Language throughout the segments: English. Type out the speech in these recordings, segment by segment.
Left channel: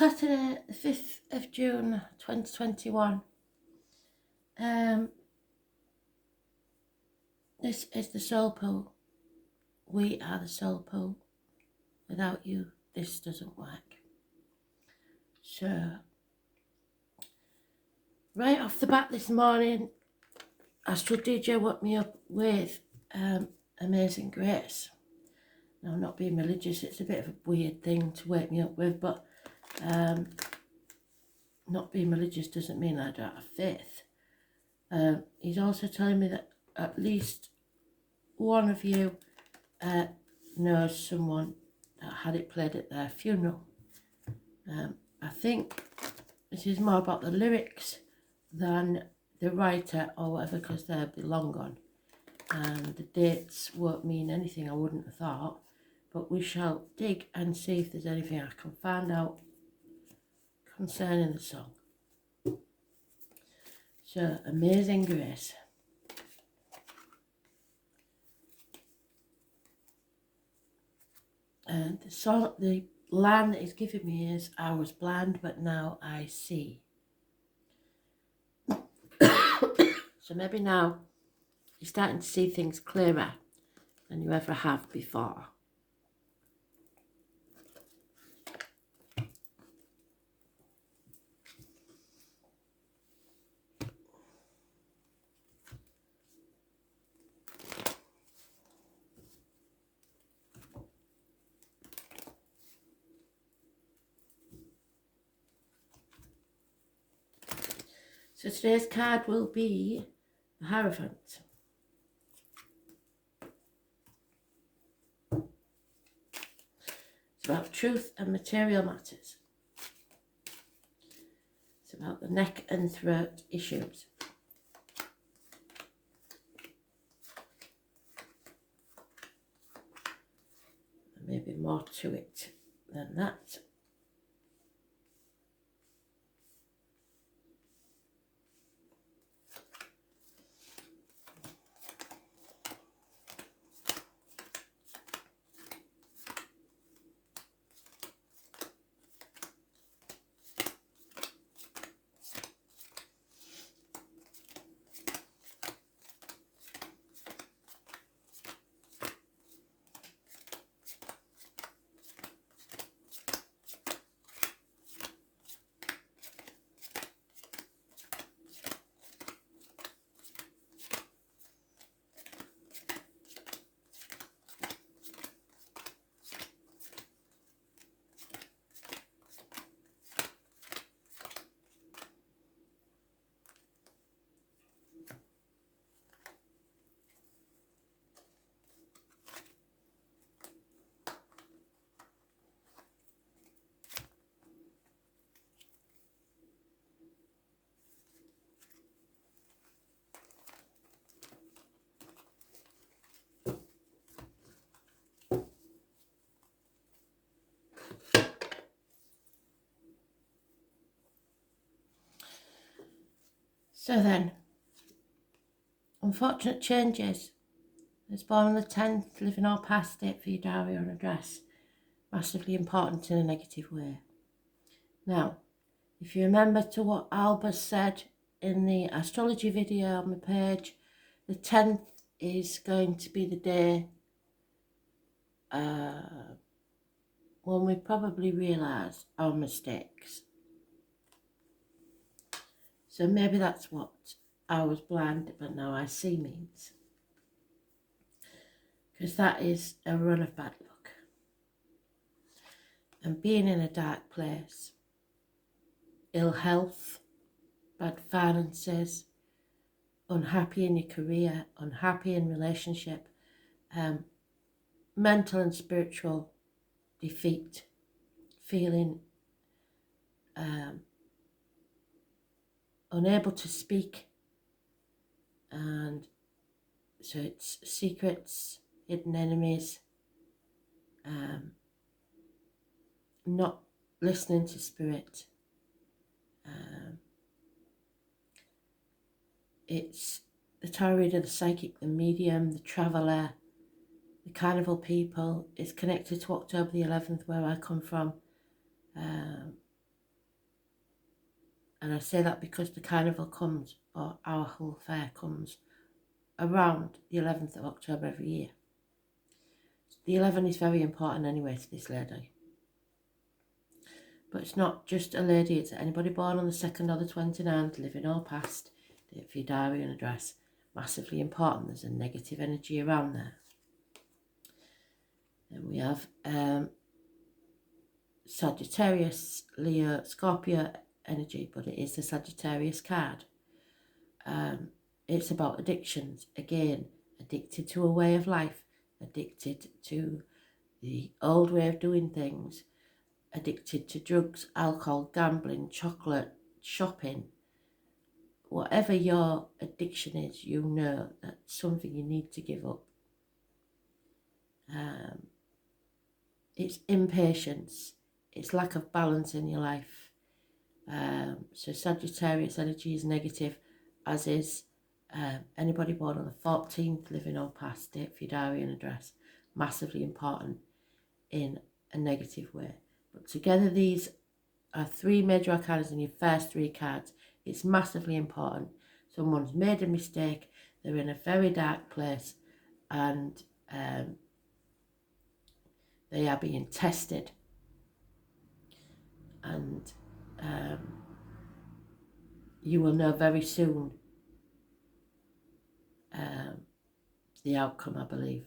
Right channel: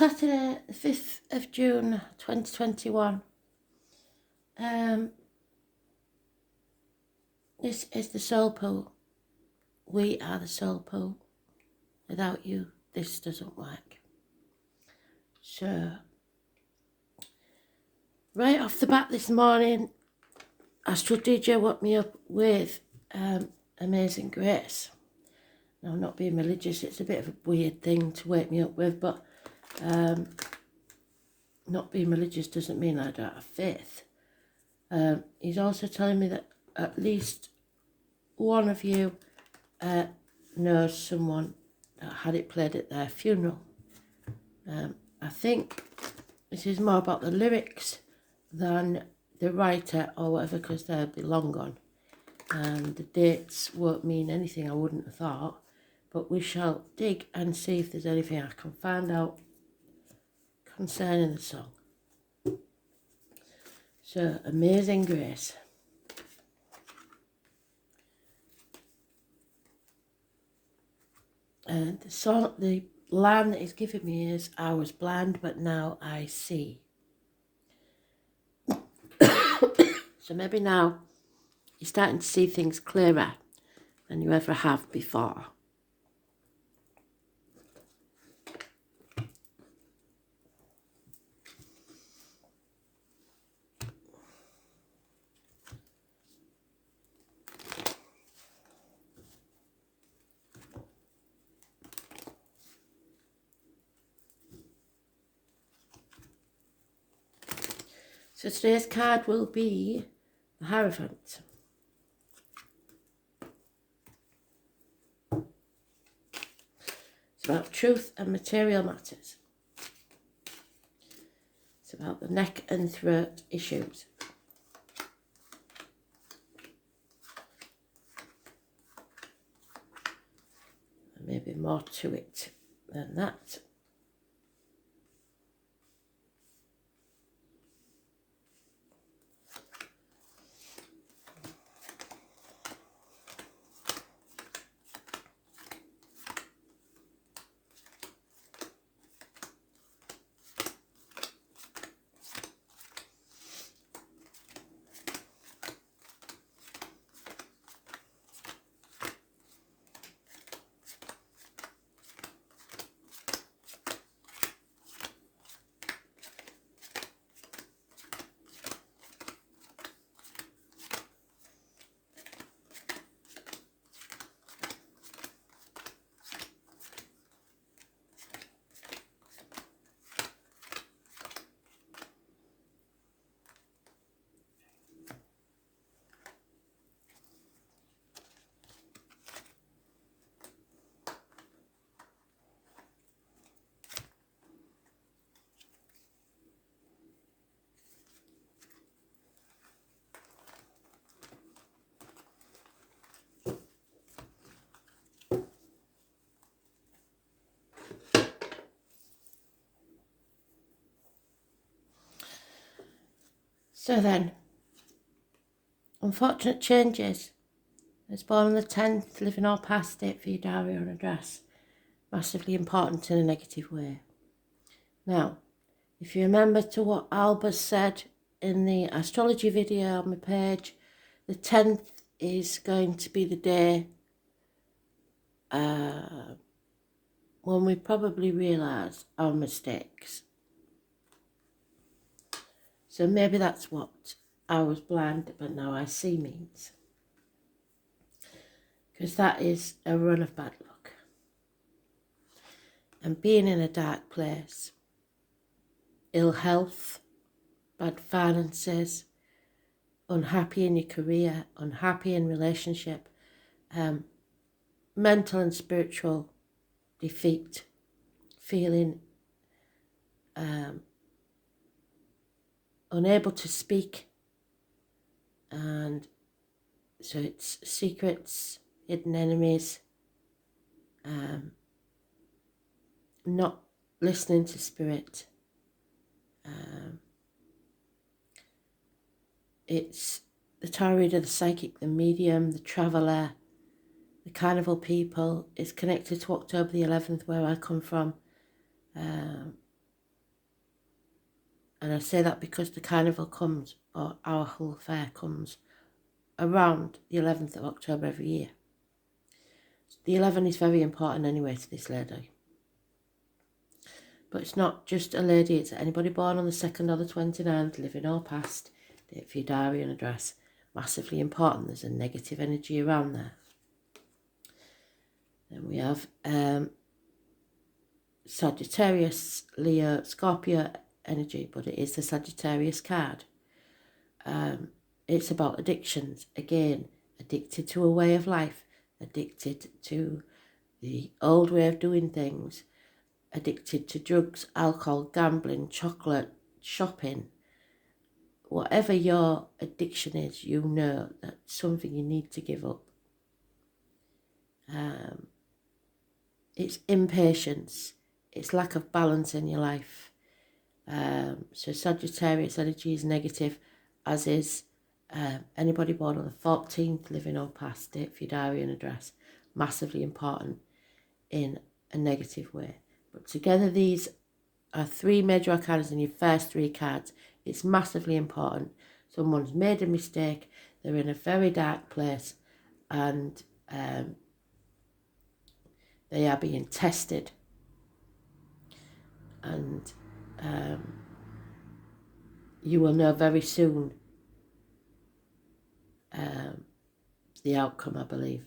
Saturday, the 5th of June 2021. This is the Soul Pool. We are the Soul Pool. Without you, this doesn't work. So, right off the bat this morning, Astral DJ woke me up with Amazing Grace. Now, I'm not being religious, it's a bit of a weird thing to wake me up with, but not being religious doesn't mean I don't have faith. He's also telling me that at least one of you knows someone that had it played at their funeral. I think this is more about the lyrics than the writer or whatever, because they'll be long gone. And the dates won't mean anything, I wouldn't have thought. But we shall dig and see if there's anything I can find out concerning the song. So, Amazing Grace. And the song, the line that he's giving me is, I was blind but now I see. So maybe now you're starting to see things clearer than you ever have before. So today's card will be the Hierophant. It's about truth and material matters. It's about the neck and throat issues. There may be more to it than that. So then, unfortunate changes. It's born on the 10th, living or past date for your diary or address. Massively important in a negative way. Now, if you remember to what Albus said in the astrology video on my page, the 10th is going to be the day when we probably realise our mistakes. So maybe that's what I was blind but now I see means. Because that is a run of bad luck. And being in a dark place, ill health, bad finances, unhappy in your career, unhappy in relationship, mental and spiritual defeat, feeling unable to speak, and so it's secrets, hidden enemies, not listening to spirit. It's the tarot reader, the psychic, the medium, the traveller, the carnival people. Is connected to October the 11th, where I come from. And I say that because the carnival comes, or our Hull Fair comes, around the 11th of October every year. The 11 is very important anyway to this lady. But it's not just a lady, it's anybody born on the 2nd or the 29th, living or past, date for your diary and address. Massively important. There's a negative energy around there. Then we have Sagittarius, Leo, Scorpio energy, but it is the Sagittarius card. It's about addictions. Again, addicted to a way of life, addicted to the old way of doing things, addicted to drugs, alcohol, gambling, chocolate, shopping. Whatever your addiction is, you know that's something you need to give up. It's impatience. It's lack of balance in your life. So Sagittarius energy is negative, as is anybody born on the 14th, living or past, date for your diary and address. Massively important in a negative way. But together these are 3 major arcana in your first 3 cards. It's massively important. Someone's made a mistake. They're in a very dark place, and they are being tested. And you will know very soon the outcome, I believe.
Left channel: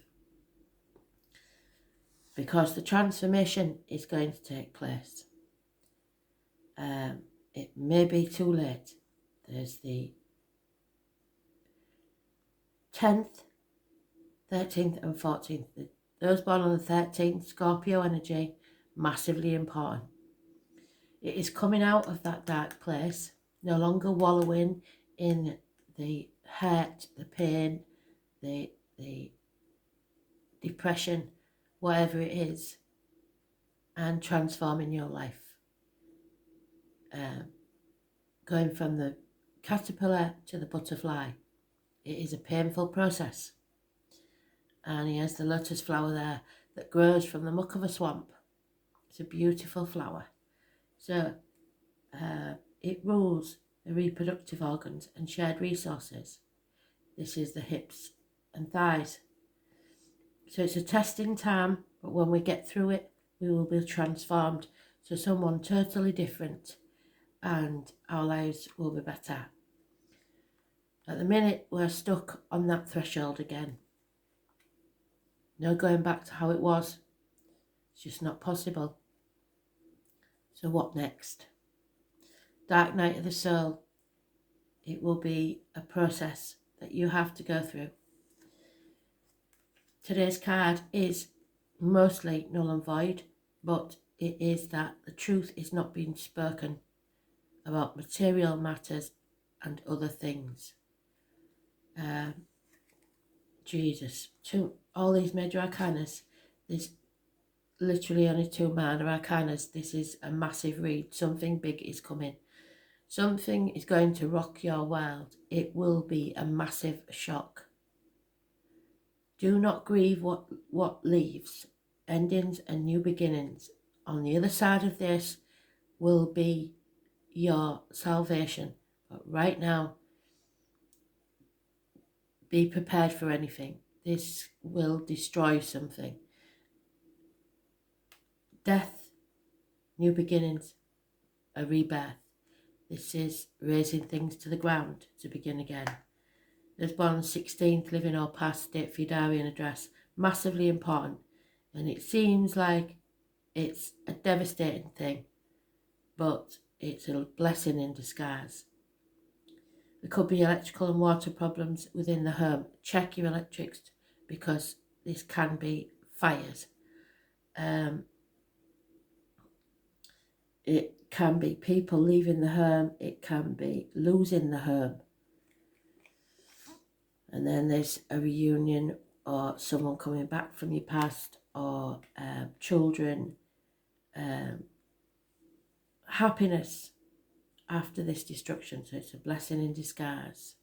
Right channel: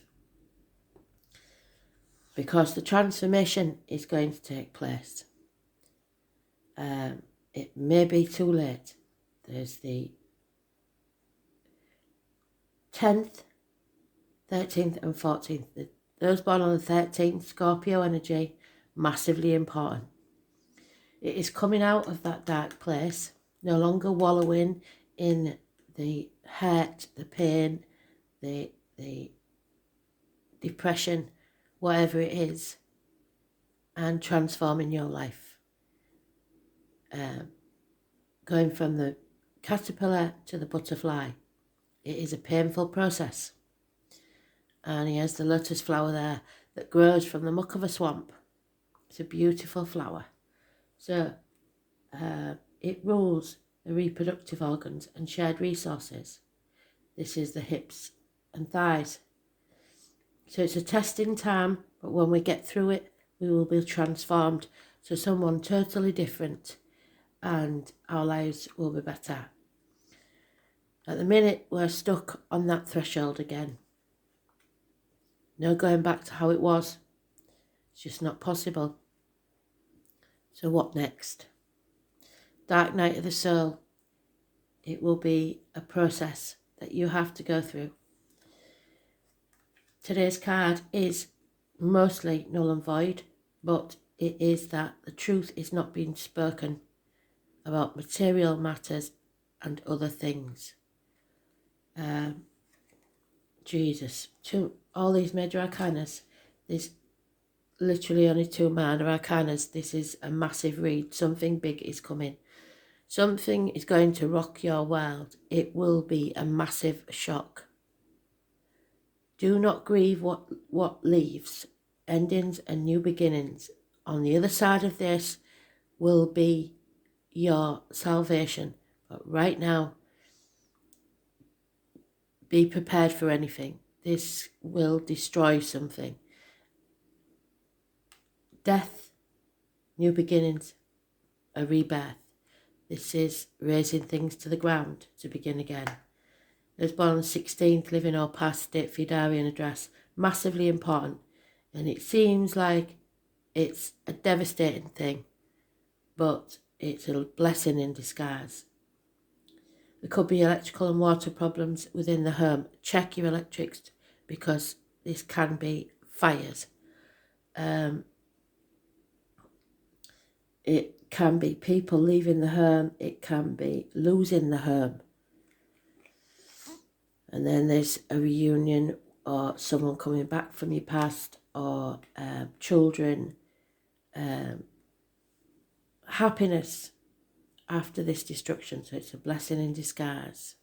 Because the transformation is going to take place. It may be too late. There's the 10th, 13th and 14th. Those born on the 13th, Scorpio energy, massively important. It is coming out of that dark place, no longer wallowing in the hurt, the pain, the depression, whatever it is, and transforming your life. Going from the caterpillar to the butterfly. It is a painful process. And he has the lotus flower there that grows from the muck of a swamp. It's a beautiful flower. So it rules the reproductive organs and shared resources. This is the hips and thighs. So it's a testing time, but when we get through it, we will be transformed to someone totally different, and our lives will be better. At the minute, we're stuck on that threshold again. No going back to how it was. It's just not possible. So what next? Dark night of the soul. It will be a process that you have to go through. Today's card is mostly null and void, but it is that the truth is not being spoken about material matters and other things. Jesus, all these major arcanas, there's literally only 2 minor arcanas. This is a massive read. Something big is coming. Something is going to rock your world. It will be a massive shock. Do not grieve what leaves. Endings and new beginnings. On the other side of this will be your salvation. But right now, be prepared for anything. This will destroy something. Death, new beginnings, a rebirth. This is raising things to the ground to begin again. Those born on the 16th, living or past, date for your diary and address. Massively important. And it seems like it's a devastating thing, but it's a blessing in disguise. There could be electrical and water problems within the home. Check your electrics, because this can be fires. It can be people leaving the home. It can be losing the home. And then there's a reunion, or someone coming back from your past, or children. Happiness after this destruction. So it's a blessing in disguise.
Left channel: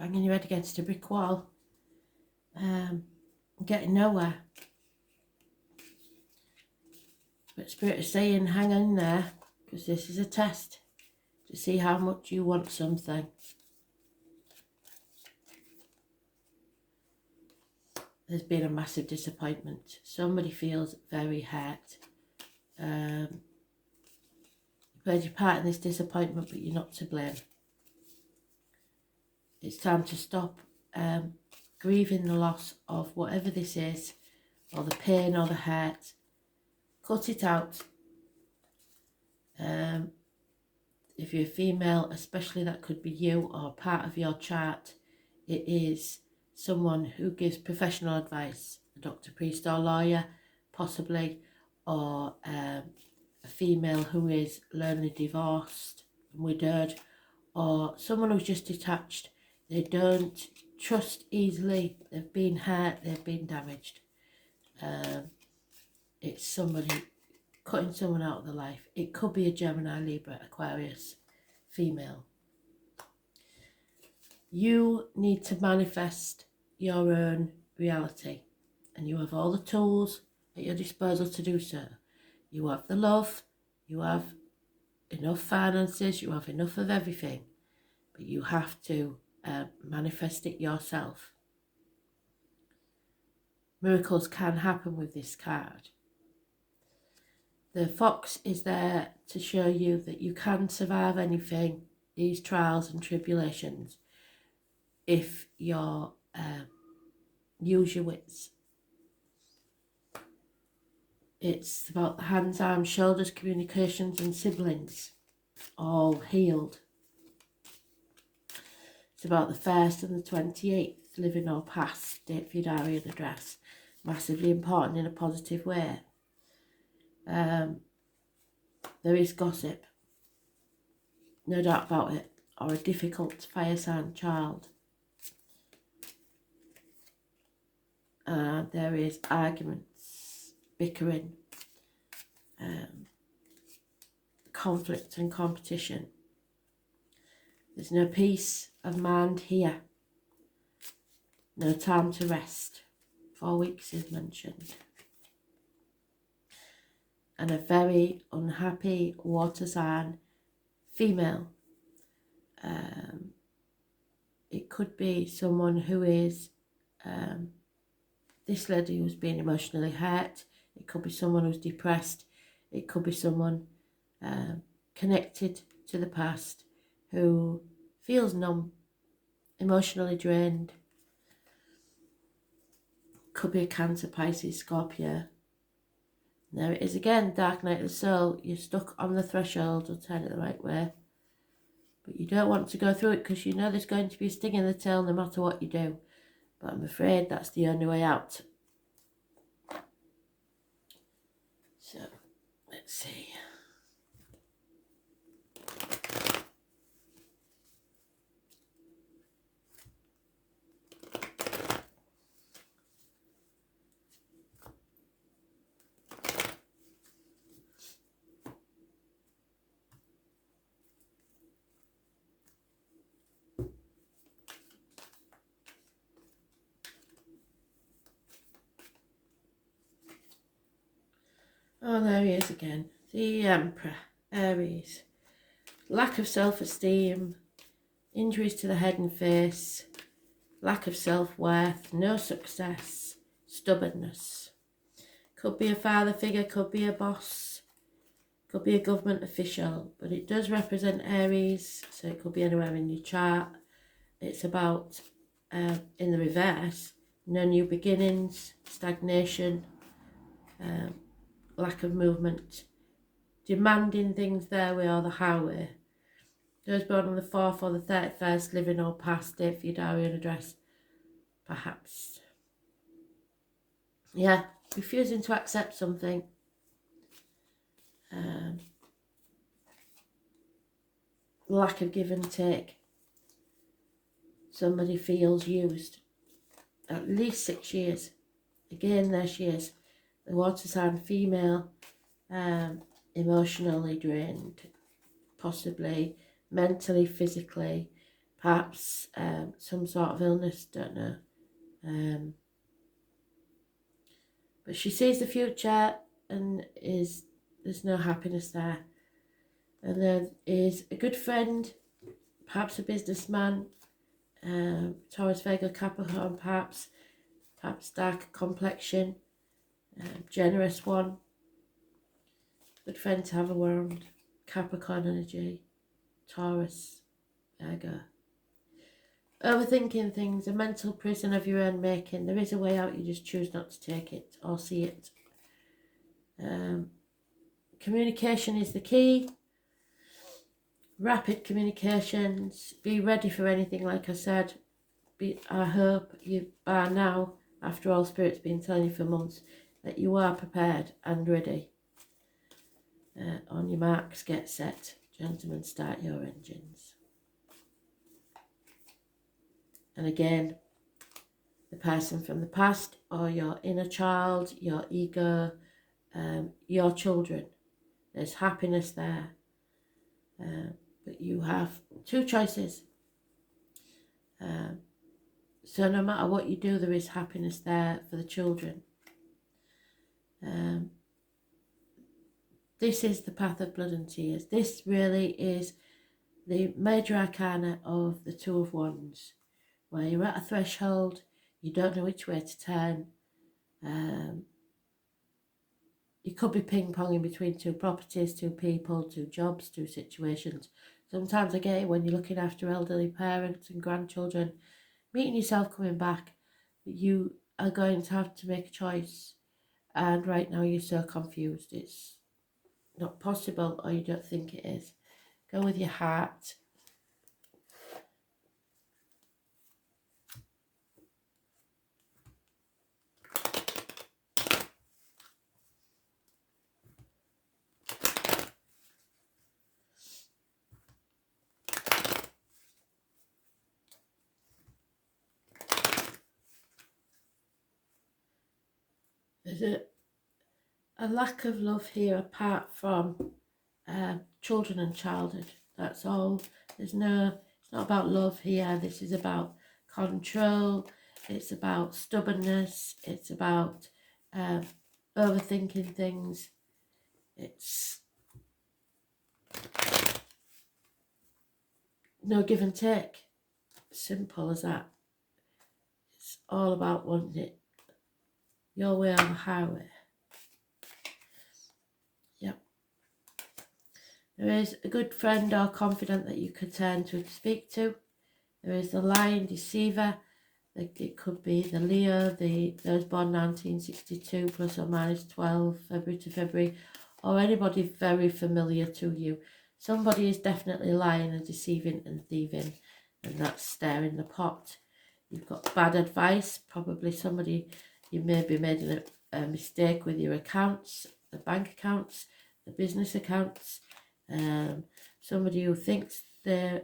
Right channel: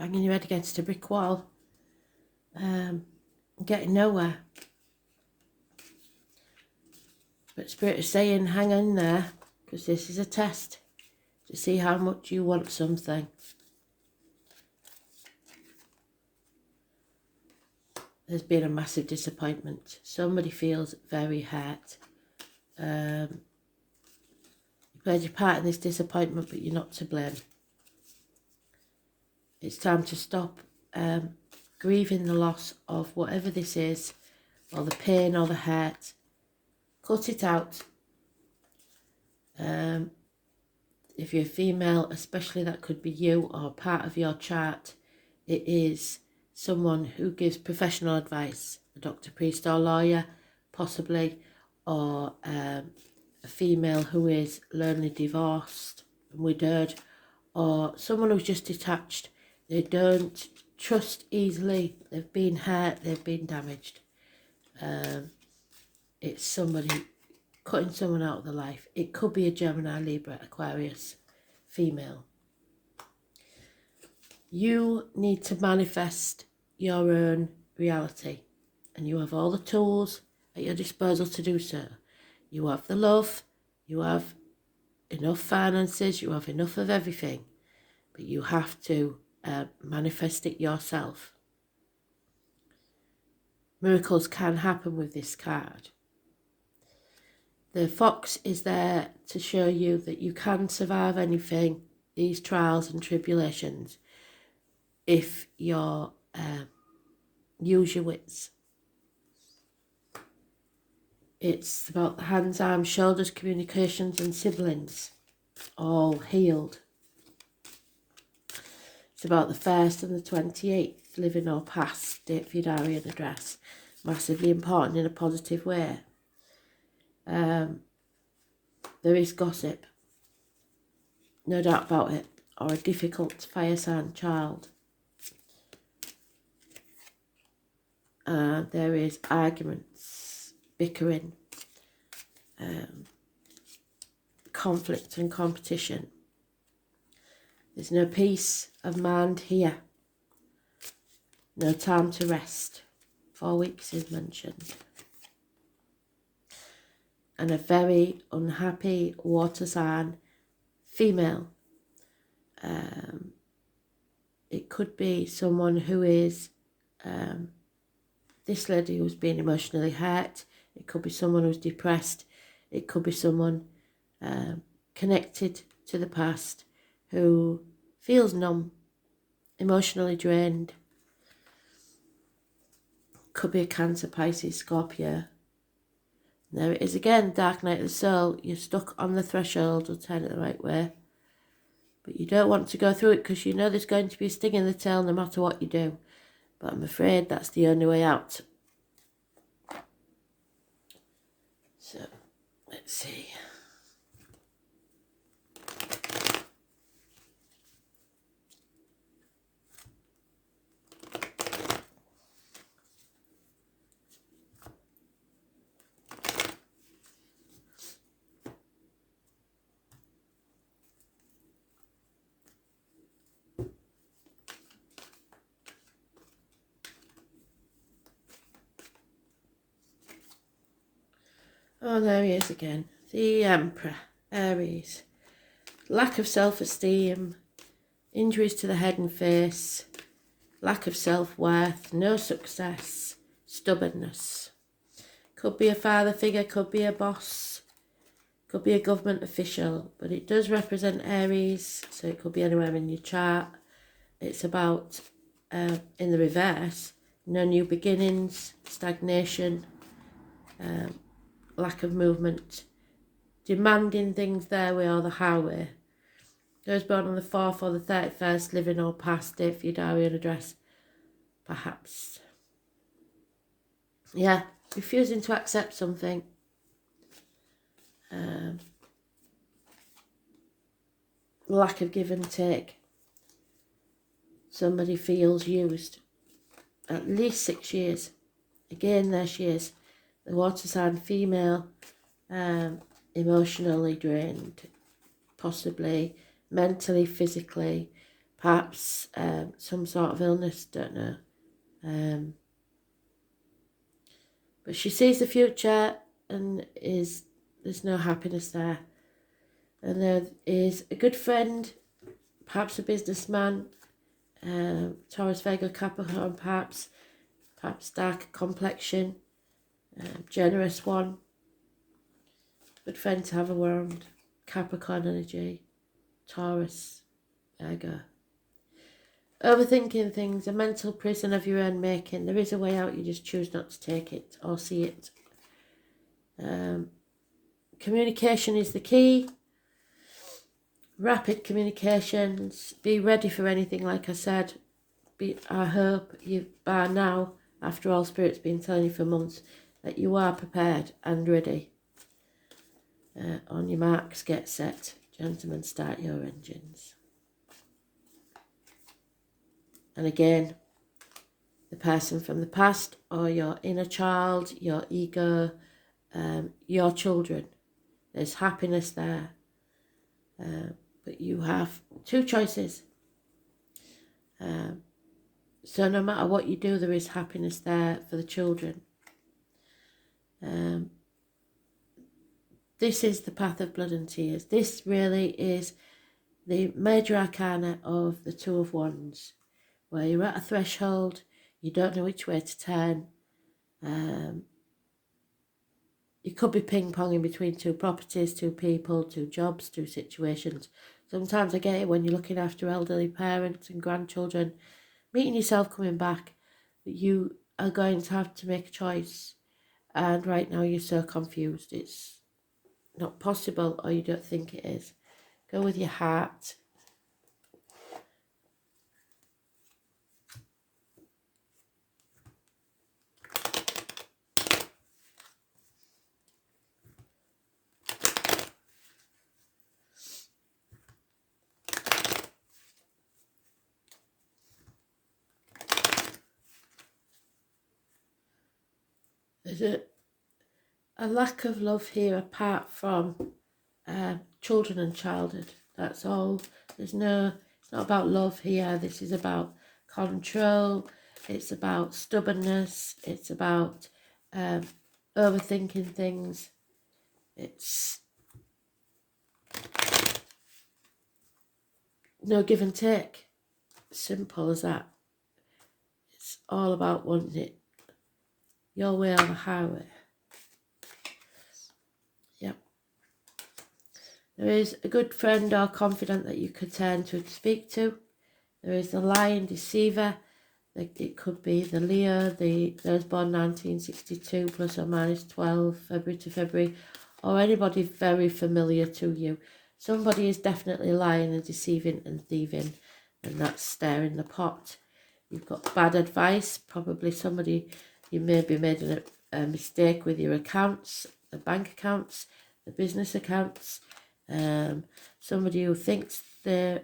banging your head against a brick wall, getting nowhere. But Spirit is saying, hang in there, because this is a test to see how much you want something. There's been a massive disappointment. Somebody feels very hurt. You played your part in this disappointment, but you're not to blame. It's time to stop grieving the loss of whatever this is, or the pain or the hurt. Cut it out. If you're a female, especially, that could be you or part of your chart. It is someone who gives professional advice, a doctor, priest or lawyer, possibly, or a female who is lonely, divorced, widowed, or someone who's just detached. They don't trust easily, they've been hurt, they've been damaged. It's somebody cutting someone out of their life. It could be a Gemini, Libra, Aquarius, female. You need to manifest your own reality, and you have all the tools at your disposal to do so. You have the love, you have enough finances, you have enough of everything, but you have to manifest it yourself. Miracles can happen with this card. The fox is there to show you that you can survive anything, these trials and tribulations, if you use your wits. It's about the hands, arms, shoulders, communications and siblings, all healed. It's about the 1st and the 28th, living or past, date for your diary and address. Massively important in a positive way. There is gossip, no doubt about it, or a difficult fire sign child. There is arguments, bickering, conflict and competition. There's no peace of mind here. No time to rest. 4 weeks is mentioned. And a very unhappy water sign female. It could be someone who is this lady who's been emotionally hurt. It could be someone who's depressed. It could be someone connected to the past who feels numb, emotionally drained. Could be a Cancer, Pisces, Scorpio. There it is again, dark night of the soul. You're stuck on the threshold, or turn it the right way. But you don't want to go through it because you know there's going to be a sting in the tail no matter what you do. But I'm afraid that's the only way out. So, let's see. Oh, there he is again. The Emperor, Aries. Lack of self-esteem, injuries to the head and face, lack of self-worth, no success, stubbornness. Could be a father figure, could be a boss, could be a government official, but it does represent Aries, so it could be anywhere in your chart. It's about, in the reverse, no new beginnings, stagnation, lack of movement, demanding things their way or the highway. Those born on the 4th or the 31st, living or past, date for your diary and address, perhaps. Yeah, refusing to accept something. Lack of give and take. Somebody feels used. At least 6 years. Again, there she is. The water sign female, emotionally drained, possibly mentally, physically, perhaps some sort of illness, don't know. But she sees the future and there's no happiness there. And there is a good friend, perhaps a businessman, Taurus, Virgo, Capricorn, perhaps dark complexion, generous one. Good friend to have around. Capricorn energy, Taurus, Virgo. Overthinking things, a mental prison of your own making. There is a way out, you just choose not to take it or see it. Communication is the key. Rapid communications. Be ready for anything, like I said. I hope you, by now, after all Spirit's been telling you for months, that you are prepared and ready. On your marks, get set. Gentlemen, start your engines. And again, the person from the past or your inner child, your ego, your children. There's happiness there. But you have two choices. So no matter what you do, there is happiness there for the children. This is the path of blood and tears. This really is the major arcana of the Two of Wands, where you're at a threshold, you don't know which way to turn. You could be ping-ponging between two properties, two people, two jobs, two situations. Sometimes I get it when you're looking after elderly parents and grandchildren, meeting yourself coming back, but you are going to have to make a choice. And right now you're so confused. It's not possible, or you don't think it is. Go with your heart. There's a lack of love here apart from children and childhood. That's all. It's not about love here. This is about control. It's about stubbornness. It's about overthinking things. It's no give and take. Simple as that. It's all about wanting it your way or the highway. Yep. There is a good friend or confidant that you could turn to speak to. There is the lying deceiver. It could be the Leo, those born 1962 plus or minus 12 February to February, or anybody very familiar to you. Somebody is definitely lying and deceiving and thieving, and that's stirring the pot. You've got bad advice, probably somebody, you may be made a mistake with your accounts, the bank accounts, the business accounts. Somebody who thinks they're,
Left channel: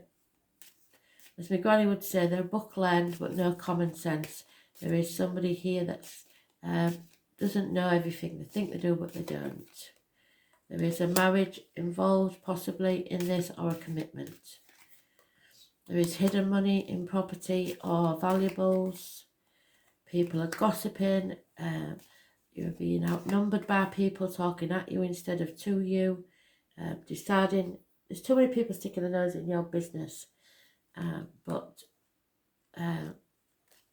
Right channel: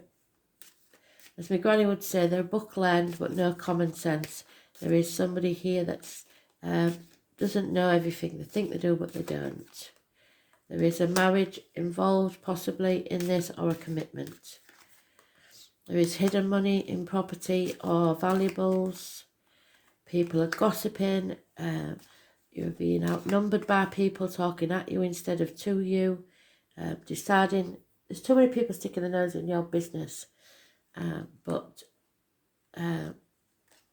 as my granny would say, they're book learned but no common sense. There is somebody here that's doesn't know everything. They think they do but they don't. There is a marriage involved possibly in this, or a commitment. There is hidden money in property or valuables. People are gossiping. You're being outnumbered by people talking at you instead of to you. Deciding, there's too many people sticking their nose in your business. But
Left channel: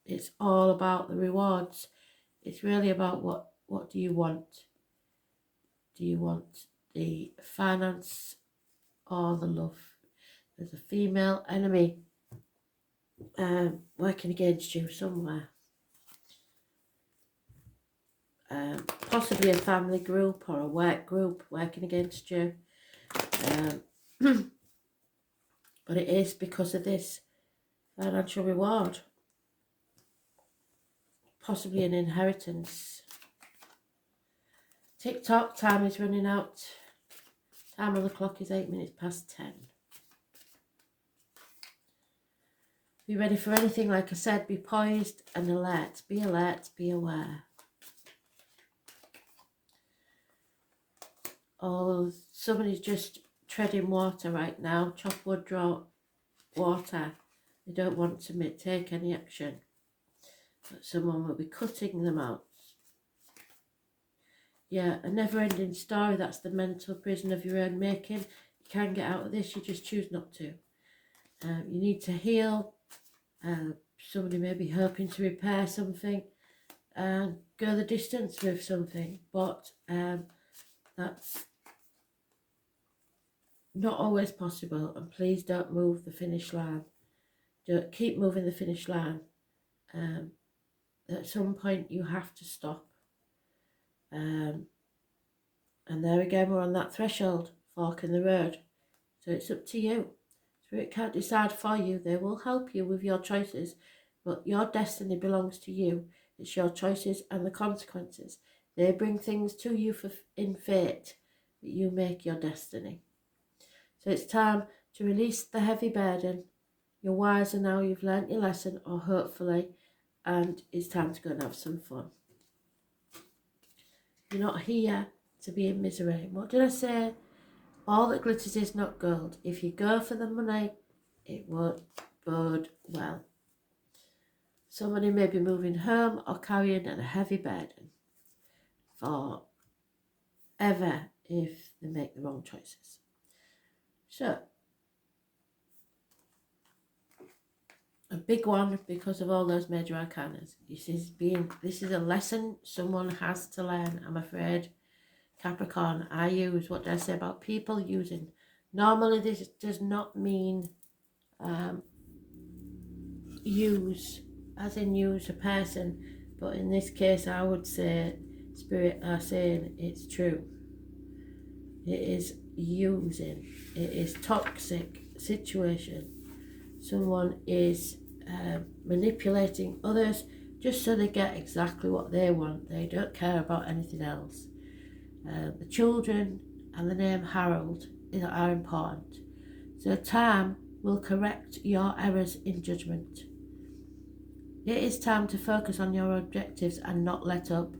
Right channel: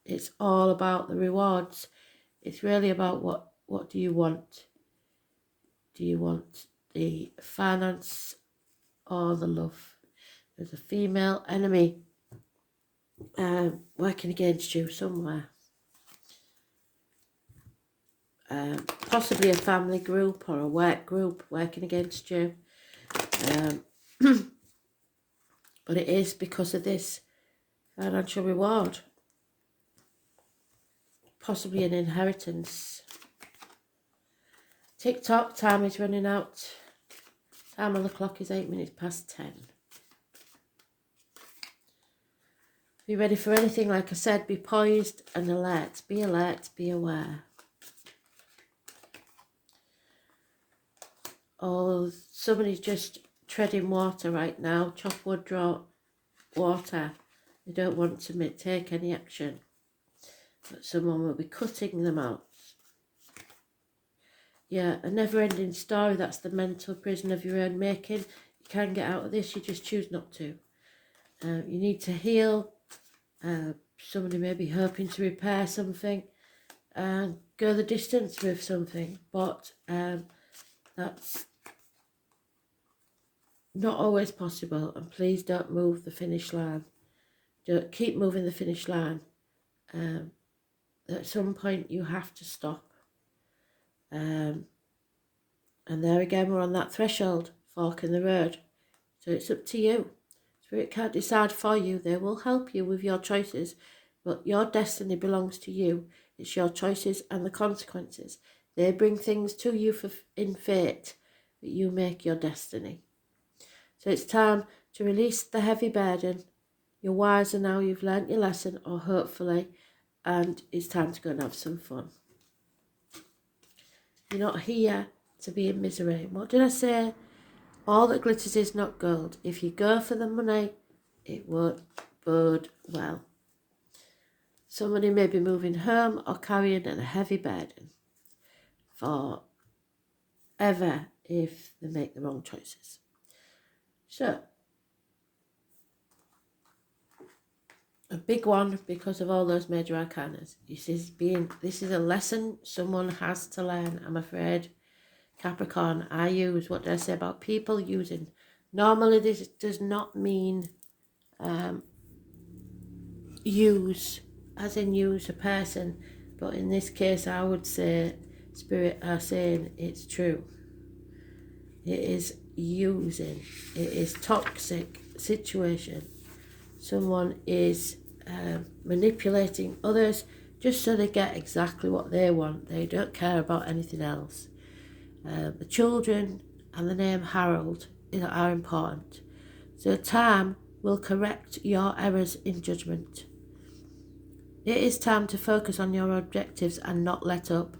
it's all about the rewards. It's really about what do you want? Do you want the finance or the love? There's a female enemy working against you somewhere. Possibly a family group or a work group working against you. But it is because of this financial reward. Possibly an inheritance. Tick-tock, time is running out. Time on the clock is 8 minutes past 10. Be ready for anything, like I said, be poised and alert. Be alert, be aware. Oh, somebody's just treading water right now. Chop wood, draw water. They don't want to take any action, but someone will be cutting them out. Yeah, a never-ending story. That's the mental prison of your own making. You can't get out of this, you just choose not to. You need to heal. Somebody may be hoping to repair something and go the distance with something, but that's not always possible. And please don't move the finish line. Don't keep moving the finish line. At some point you have to stop. And there again, we're on that threshold, fork in the road. So it's up to you. Spirit can't decide for you. They will help you with your choices, but your destiny belongs to you. It's your choices and the consequences. They bring things to you in fate, but you make your destiny. So it's time to release the heavy burden. You're wiser now, you've learnt your lesson, or hopefully, and it's time to go and have some fun. You're not here to be in misery. What did I say? All that glitters is not gold. If you go for the money, it won't bode well. Somebody may be moving home or carrying a heavy burden forever if they make the wrong choices. So, a big one because of all those major arcanas. This is a lesson someone has to learn, I'm afraid. Capricorn, I use, what did I say about people using? Normally this does not mean use, as in use a person, but in this case I would say Spirit are saying it's true. It is using, it is toxic situation. Someone is manipulating others just so they get exactly what they want. They don't care about anything else. The children and the name Harold are important. So time will correct your errors in judgment. It is time to focus on your objectives and not let up.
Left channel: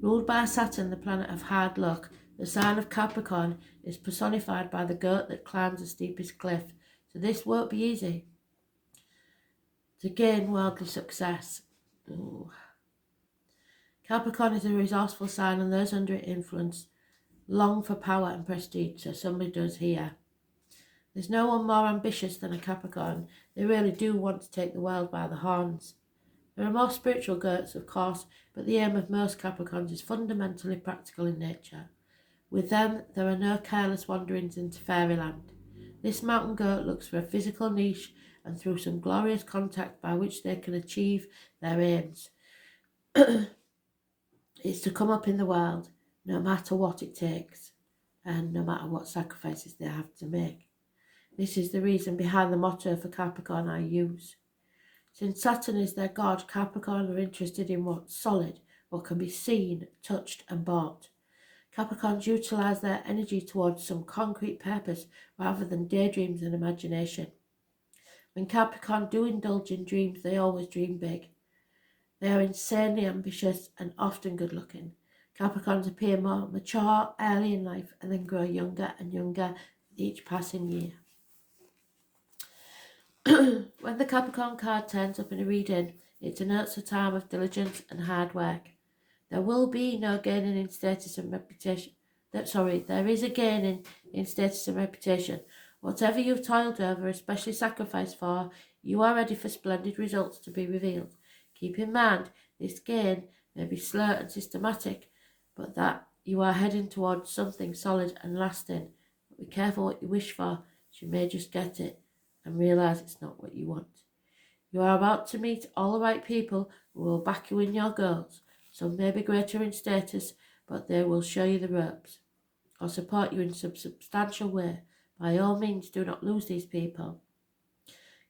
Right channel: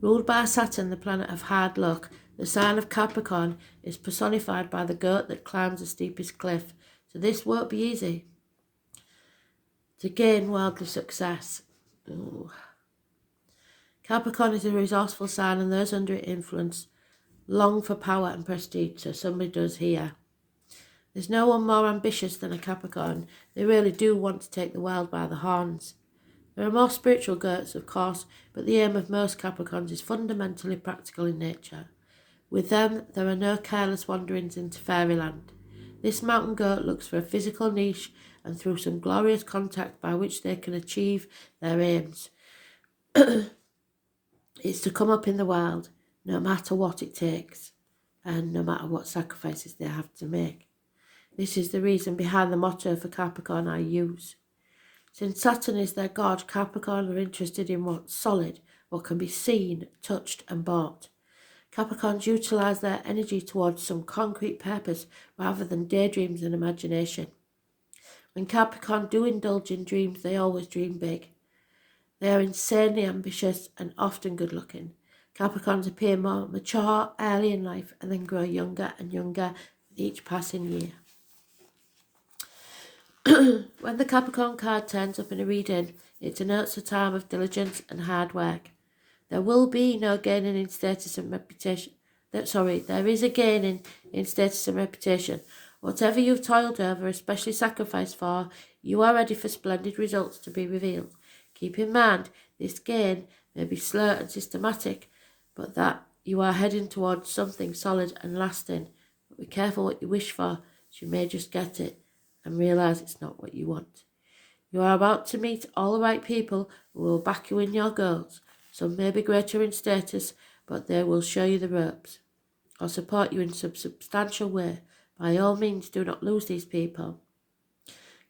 Ruled by Saturn, the planet of hard luck, the sign of Capricorn is personified by the goat that climbs the steepest cliff. So this won't be easy. To gain worldly success. Ooh. Capricorn is a resourceful sign, and those under its influence long for power and prestige, so somebody does here. There's no one more ambitious than a Capricorn. They really do want to take the world by the horns. There are more spiritual goats, of course, but the aim of most Capricorns is fundamentally practical in nature. With them, there are no careless wanderings into fairyland. This mountain goat looks for a physical niche and through some glorious contact by which they can achieve their aims. It's to come up in the world, no matter what it takes, and no matter what sacrifices they have to make. This is the reason behind the motto for Capricorn I use. Since Saturn is their god, Capricorn are interested in what's solid, what can be seen, touched and bought. Capricorns utilise their energy towards some concrete purpose rather than daydreams and imagination. When Capricorn do indulge in dreams, they always dream big. They are insanely ambitious and often good-looking. Capricorns appear more mature early in life and then grow younger and younger with each passing year. When the Capricorn card turns up in a reading, it denotes a time of diligence and hard work. There will be no gaining in status and reputation. There is a gaining in status and reputation. Whatever you've toiled over, especially sacrificed for, you are ready for splendid results to be revealed. Keep in mind, this gain may be slow and systematic, but that you are heading towards something solid and lasting. But be careful what you wish for, as you may just get it and realise it's not what you want. You are about to meet all the right people who will back you in your goals. Some may be greater in status, but they will show you the ropes or support you in some substantial way. By all means, do not lose these people.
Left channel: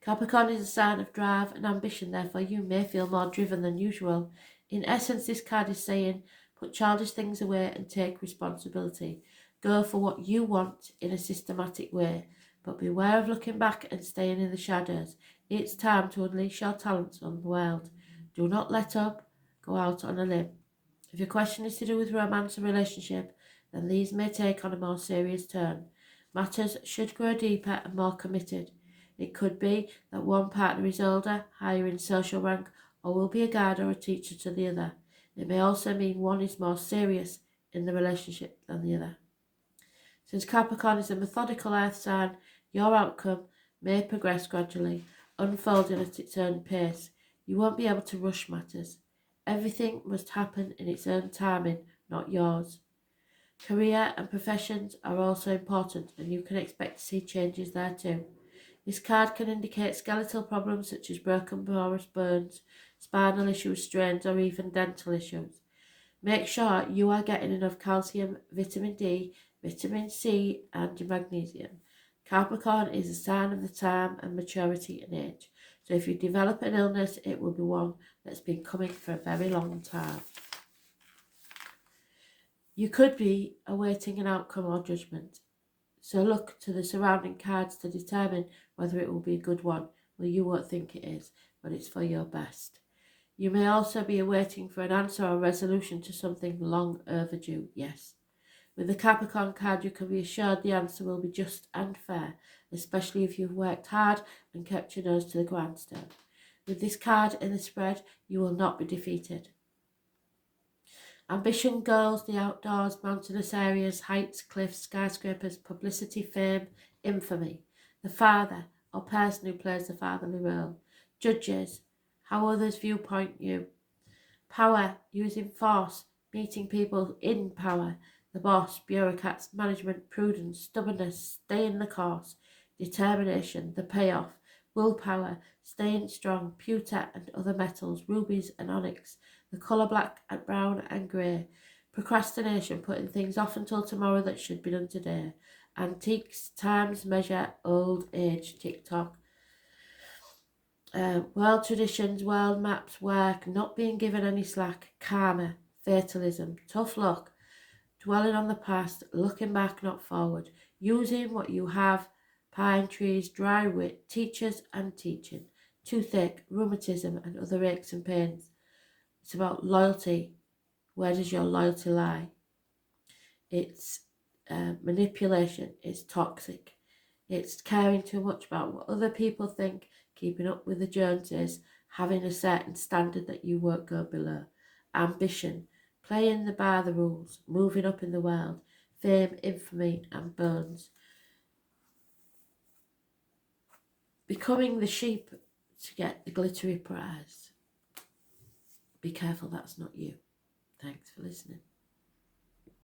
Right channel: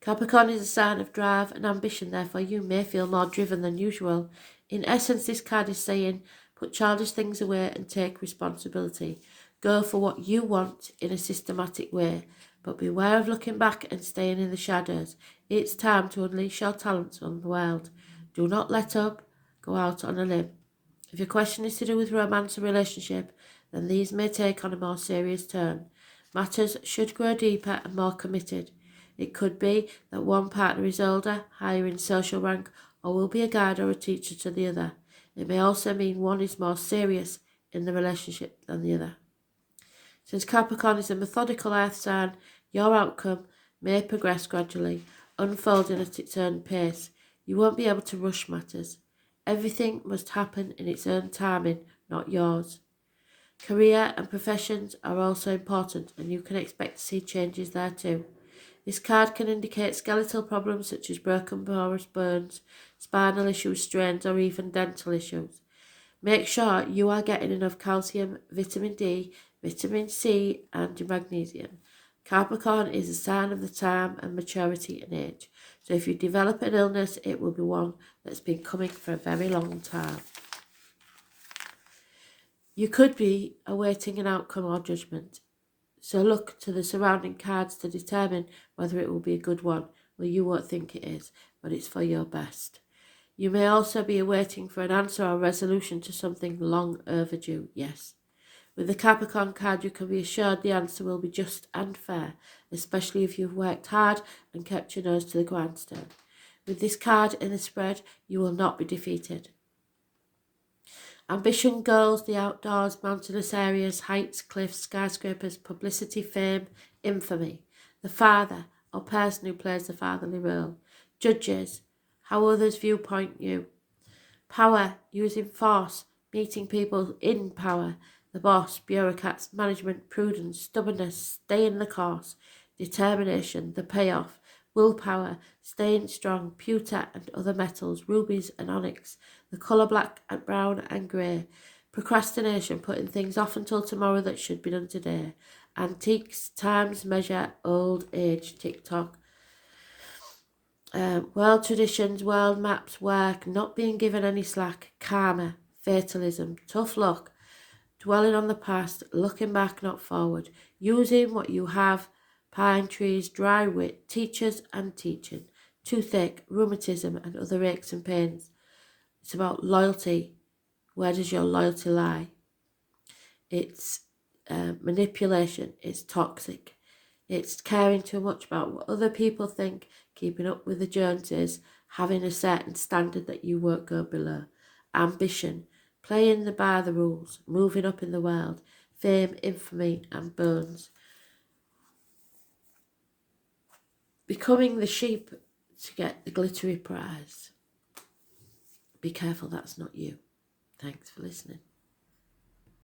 Capricorn is a sign of drive and ambition, therefore you may feel more driven than usual. In essence, this card is saying, put childish things away and take responsibility. Go for what you want in a systematic way, but beware of looking back and staying in the shadows. It's time to unleash your talents on the world. Do not let up. Go out on a limb. If your question is to do with romance or relationship, then these may take on a more serious turn. Matters should grow deeper and more committed. It could be that one partner is older, higher in social rank, or will be a guide or a teacher to the other. It may also mean one is more serious in the relationship than the other. Since Capricorn is a methodical earth sign, your outcome may progress gradually, unfolding at its own pace. You won't be able to rush matters. Everything must happen in its own timing, not yours. Career and professions are also important, and you can expect to see changes there too. This card can indicate skeletal problems such as broken porous bones, spinal issues, strains, or even dental issues. Make sure you are getting enough calcium, vitamin D, vitamin C, and your magnesium. Capricorn is a sign of the time and maturity and age. So if you develop an illness, it will be one that's been coming for a very long time. You could be awaiting an outcome or judgment. So look to the surrounding cards to determine whether it will be a good one. Well, you won't think it is, but it's for your best. You may also be awaiting for an answer or resolution to something long overdue, yes. With the Capricorn card, you can be assured the answer will be just and fair, especially if you've worked hard and kept your nose to the grindstone. With this card in the spread, you will not be defeated. Ambition, goals, the outdoors, mountainous areas, heights, cliffs, skyscrapers, publicity, fame, infamy. The father or person who plays the fatherly role. Judges, how others viewpoint you. Power, using force, meeting people in power. The boss, bureaucrats, management, prudence, stubbornness, staying the course. Determination, the payoff. Willpower, staying strong, pewter and other metals, rubies and onyx. The colour black and brown and grey. Procrastination, putting things off until tomorrow that should be done today. Antiques, times, measure, old age, TikTok. World traditions, world maps, work, not being given any slack, karma, fatalism, tough luck, dwelling on the past, looking back, not forward, using what you have, pine trees, dry wit, teachers and teaching, toothache, rheumatism and other aches and pains. It's about loyalty. Where does your loyalty lie? It's manipulation. It's toxic. It's caring too much about what other people think, keeping up with the Joneses, having a certain standard that you won't go below. Ambition, playing by the rules, moving up in the world, fame, infamy and bones. Becoming the sheep to get the glittery prize. Be careful, that's not you. Thanks for listening.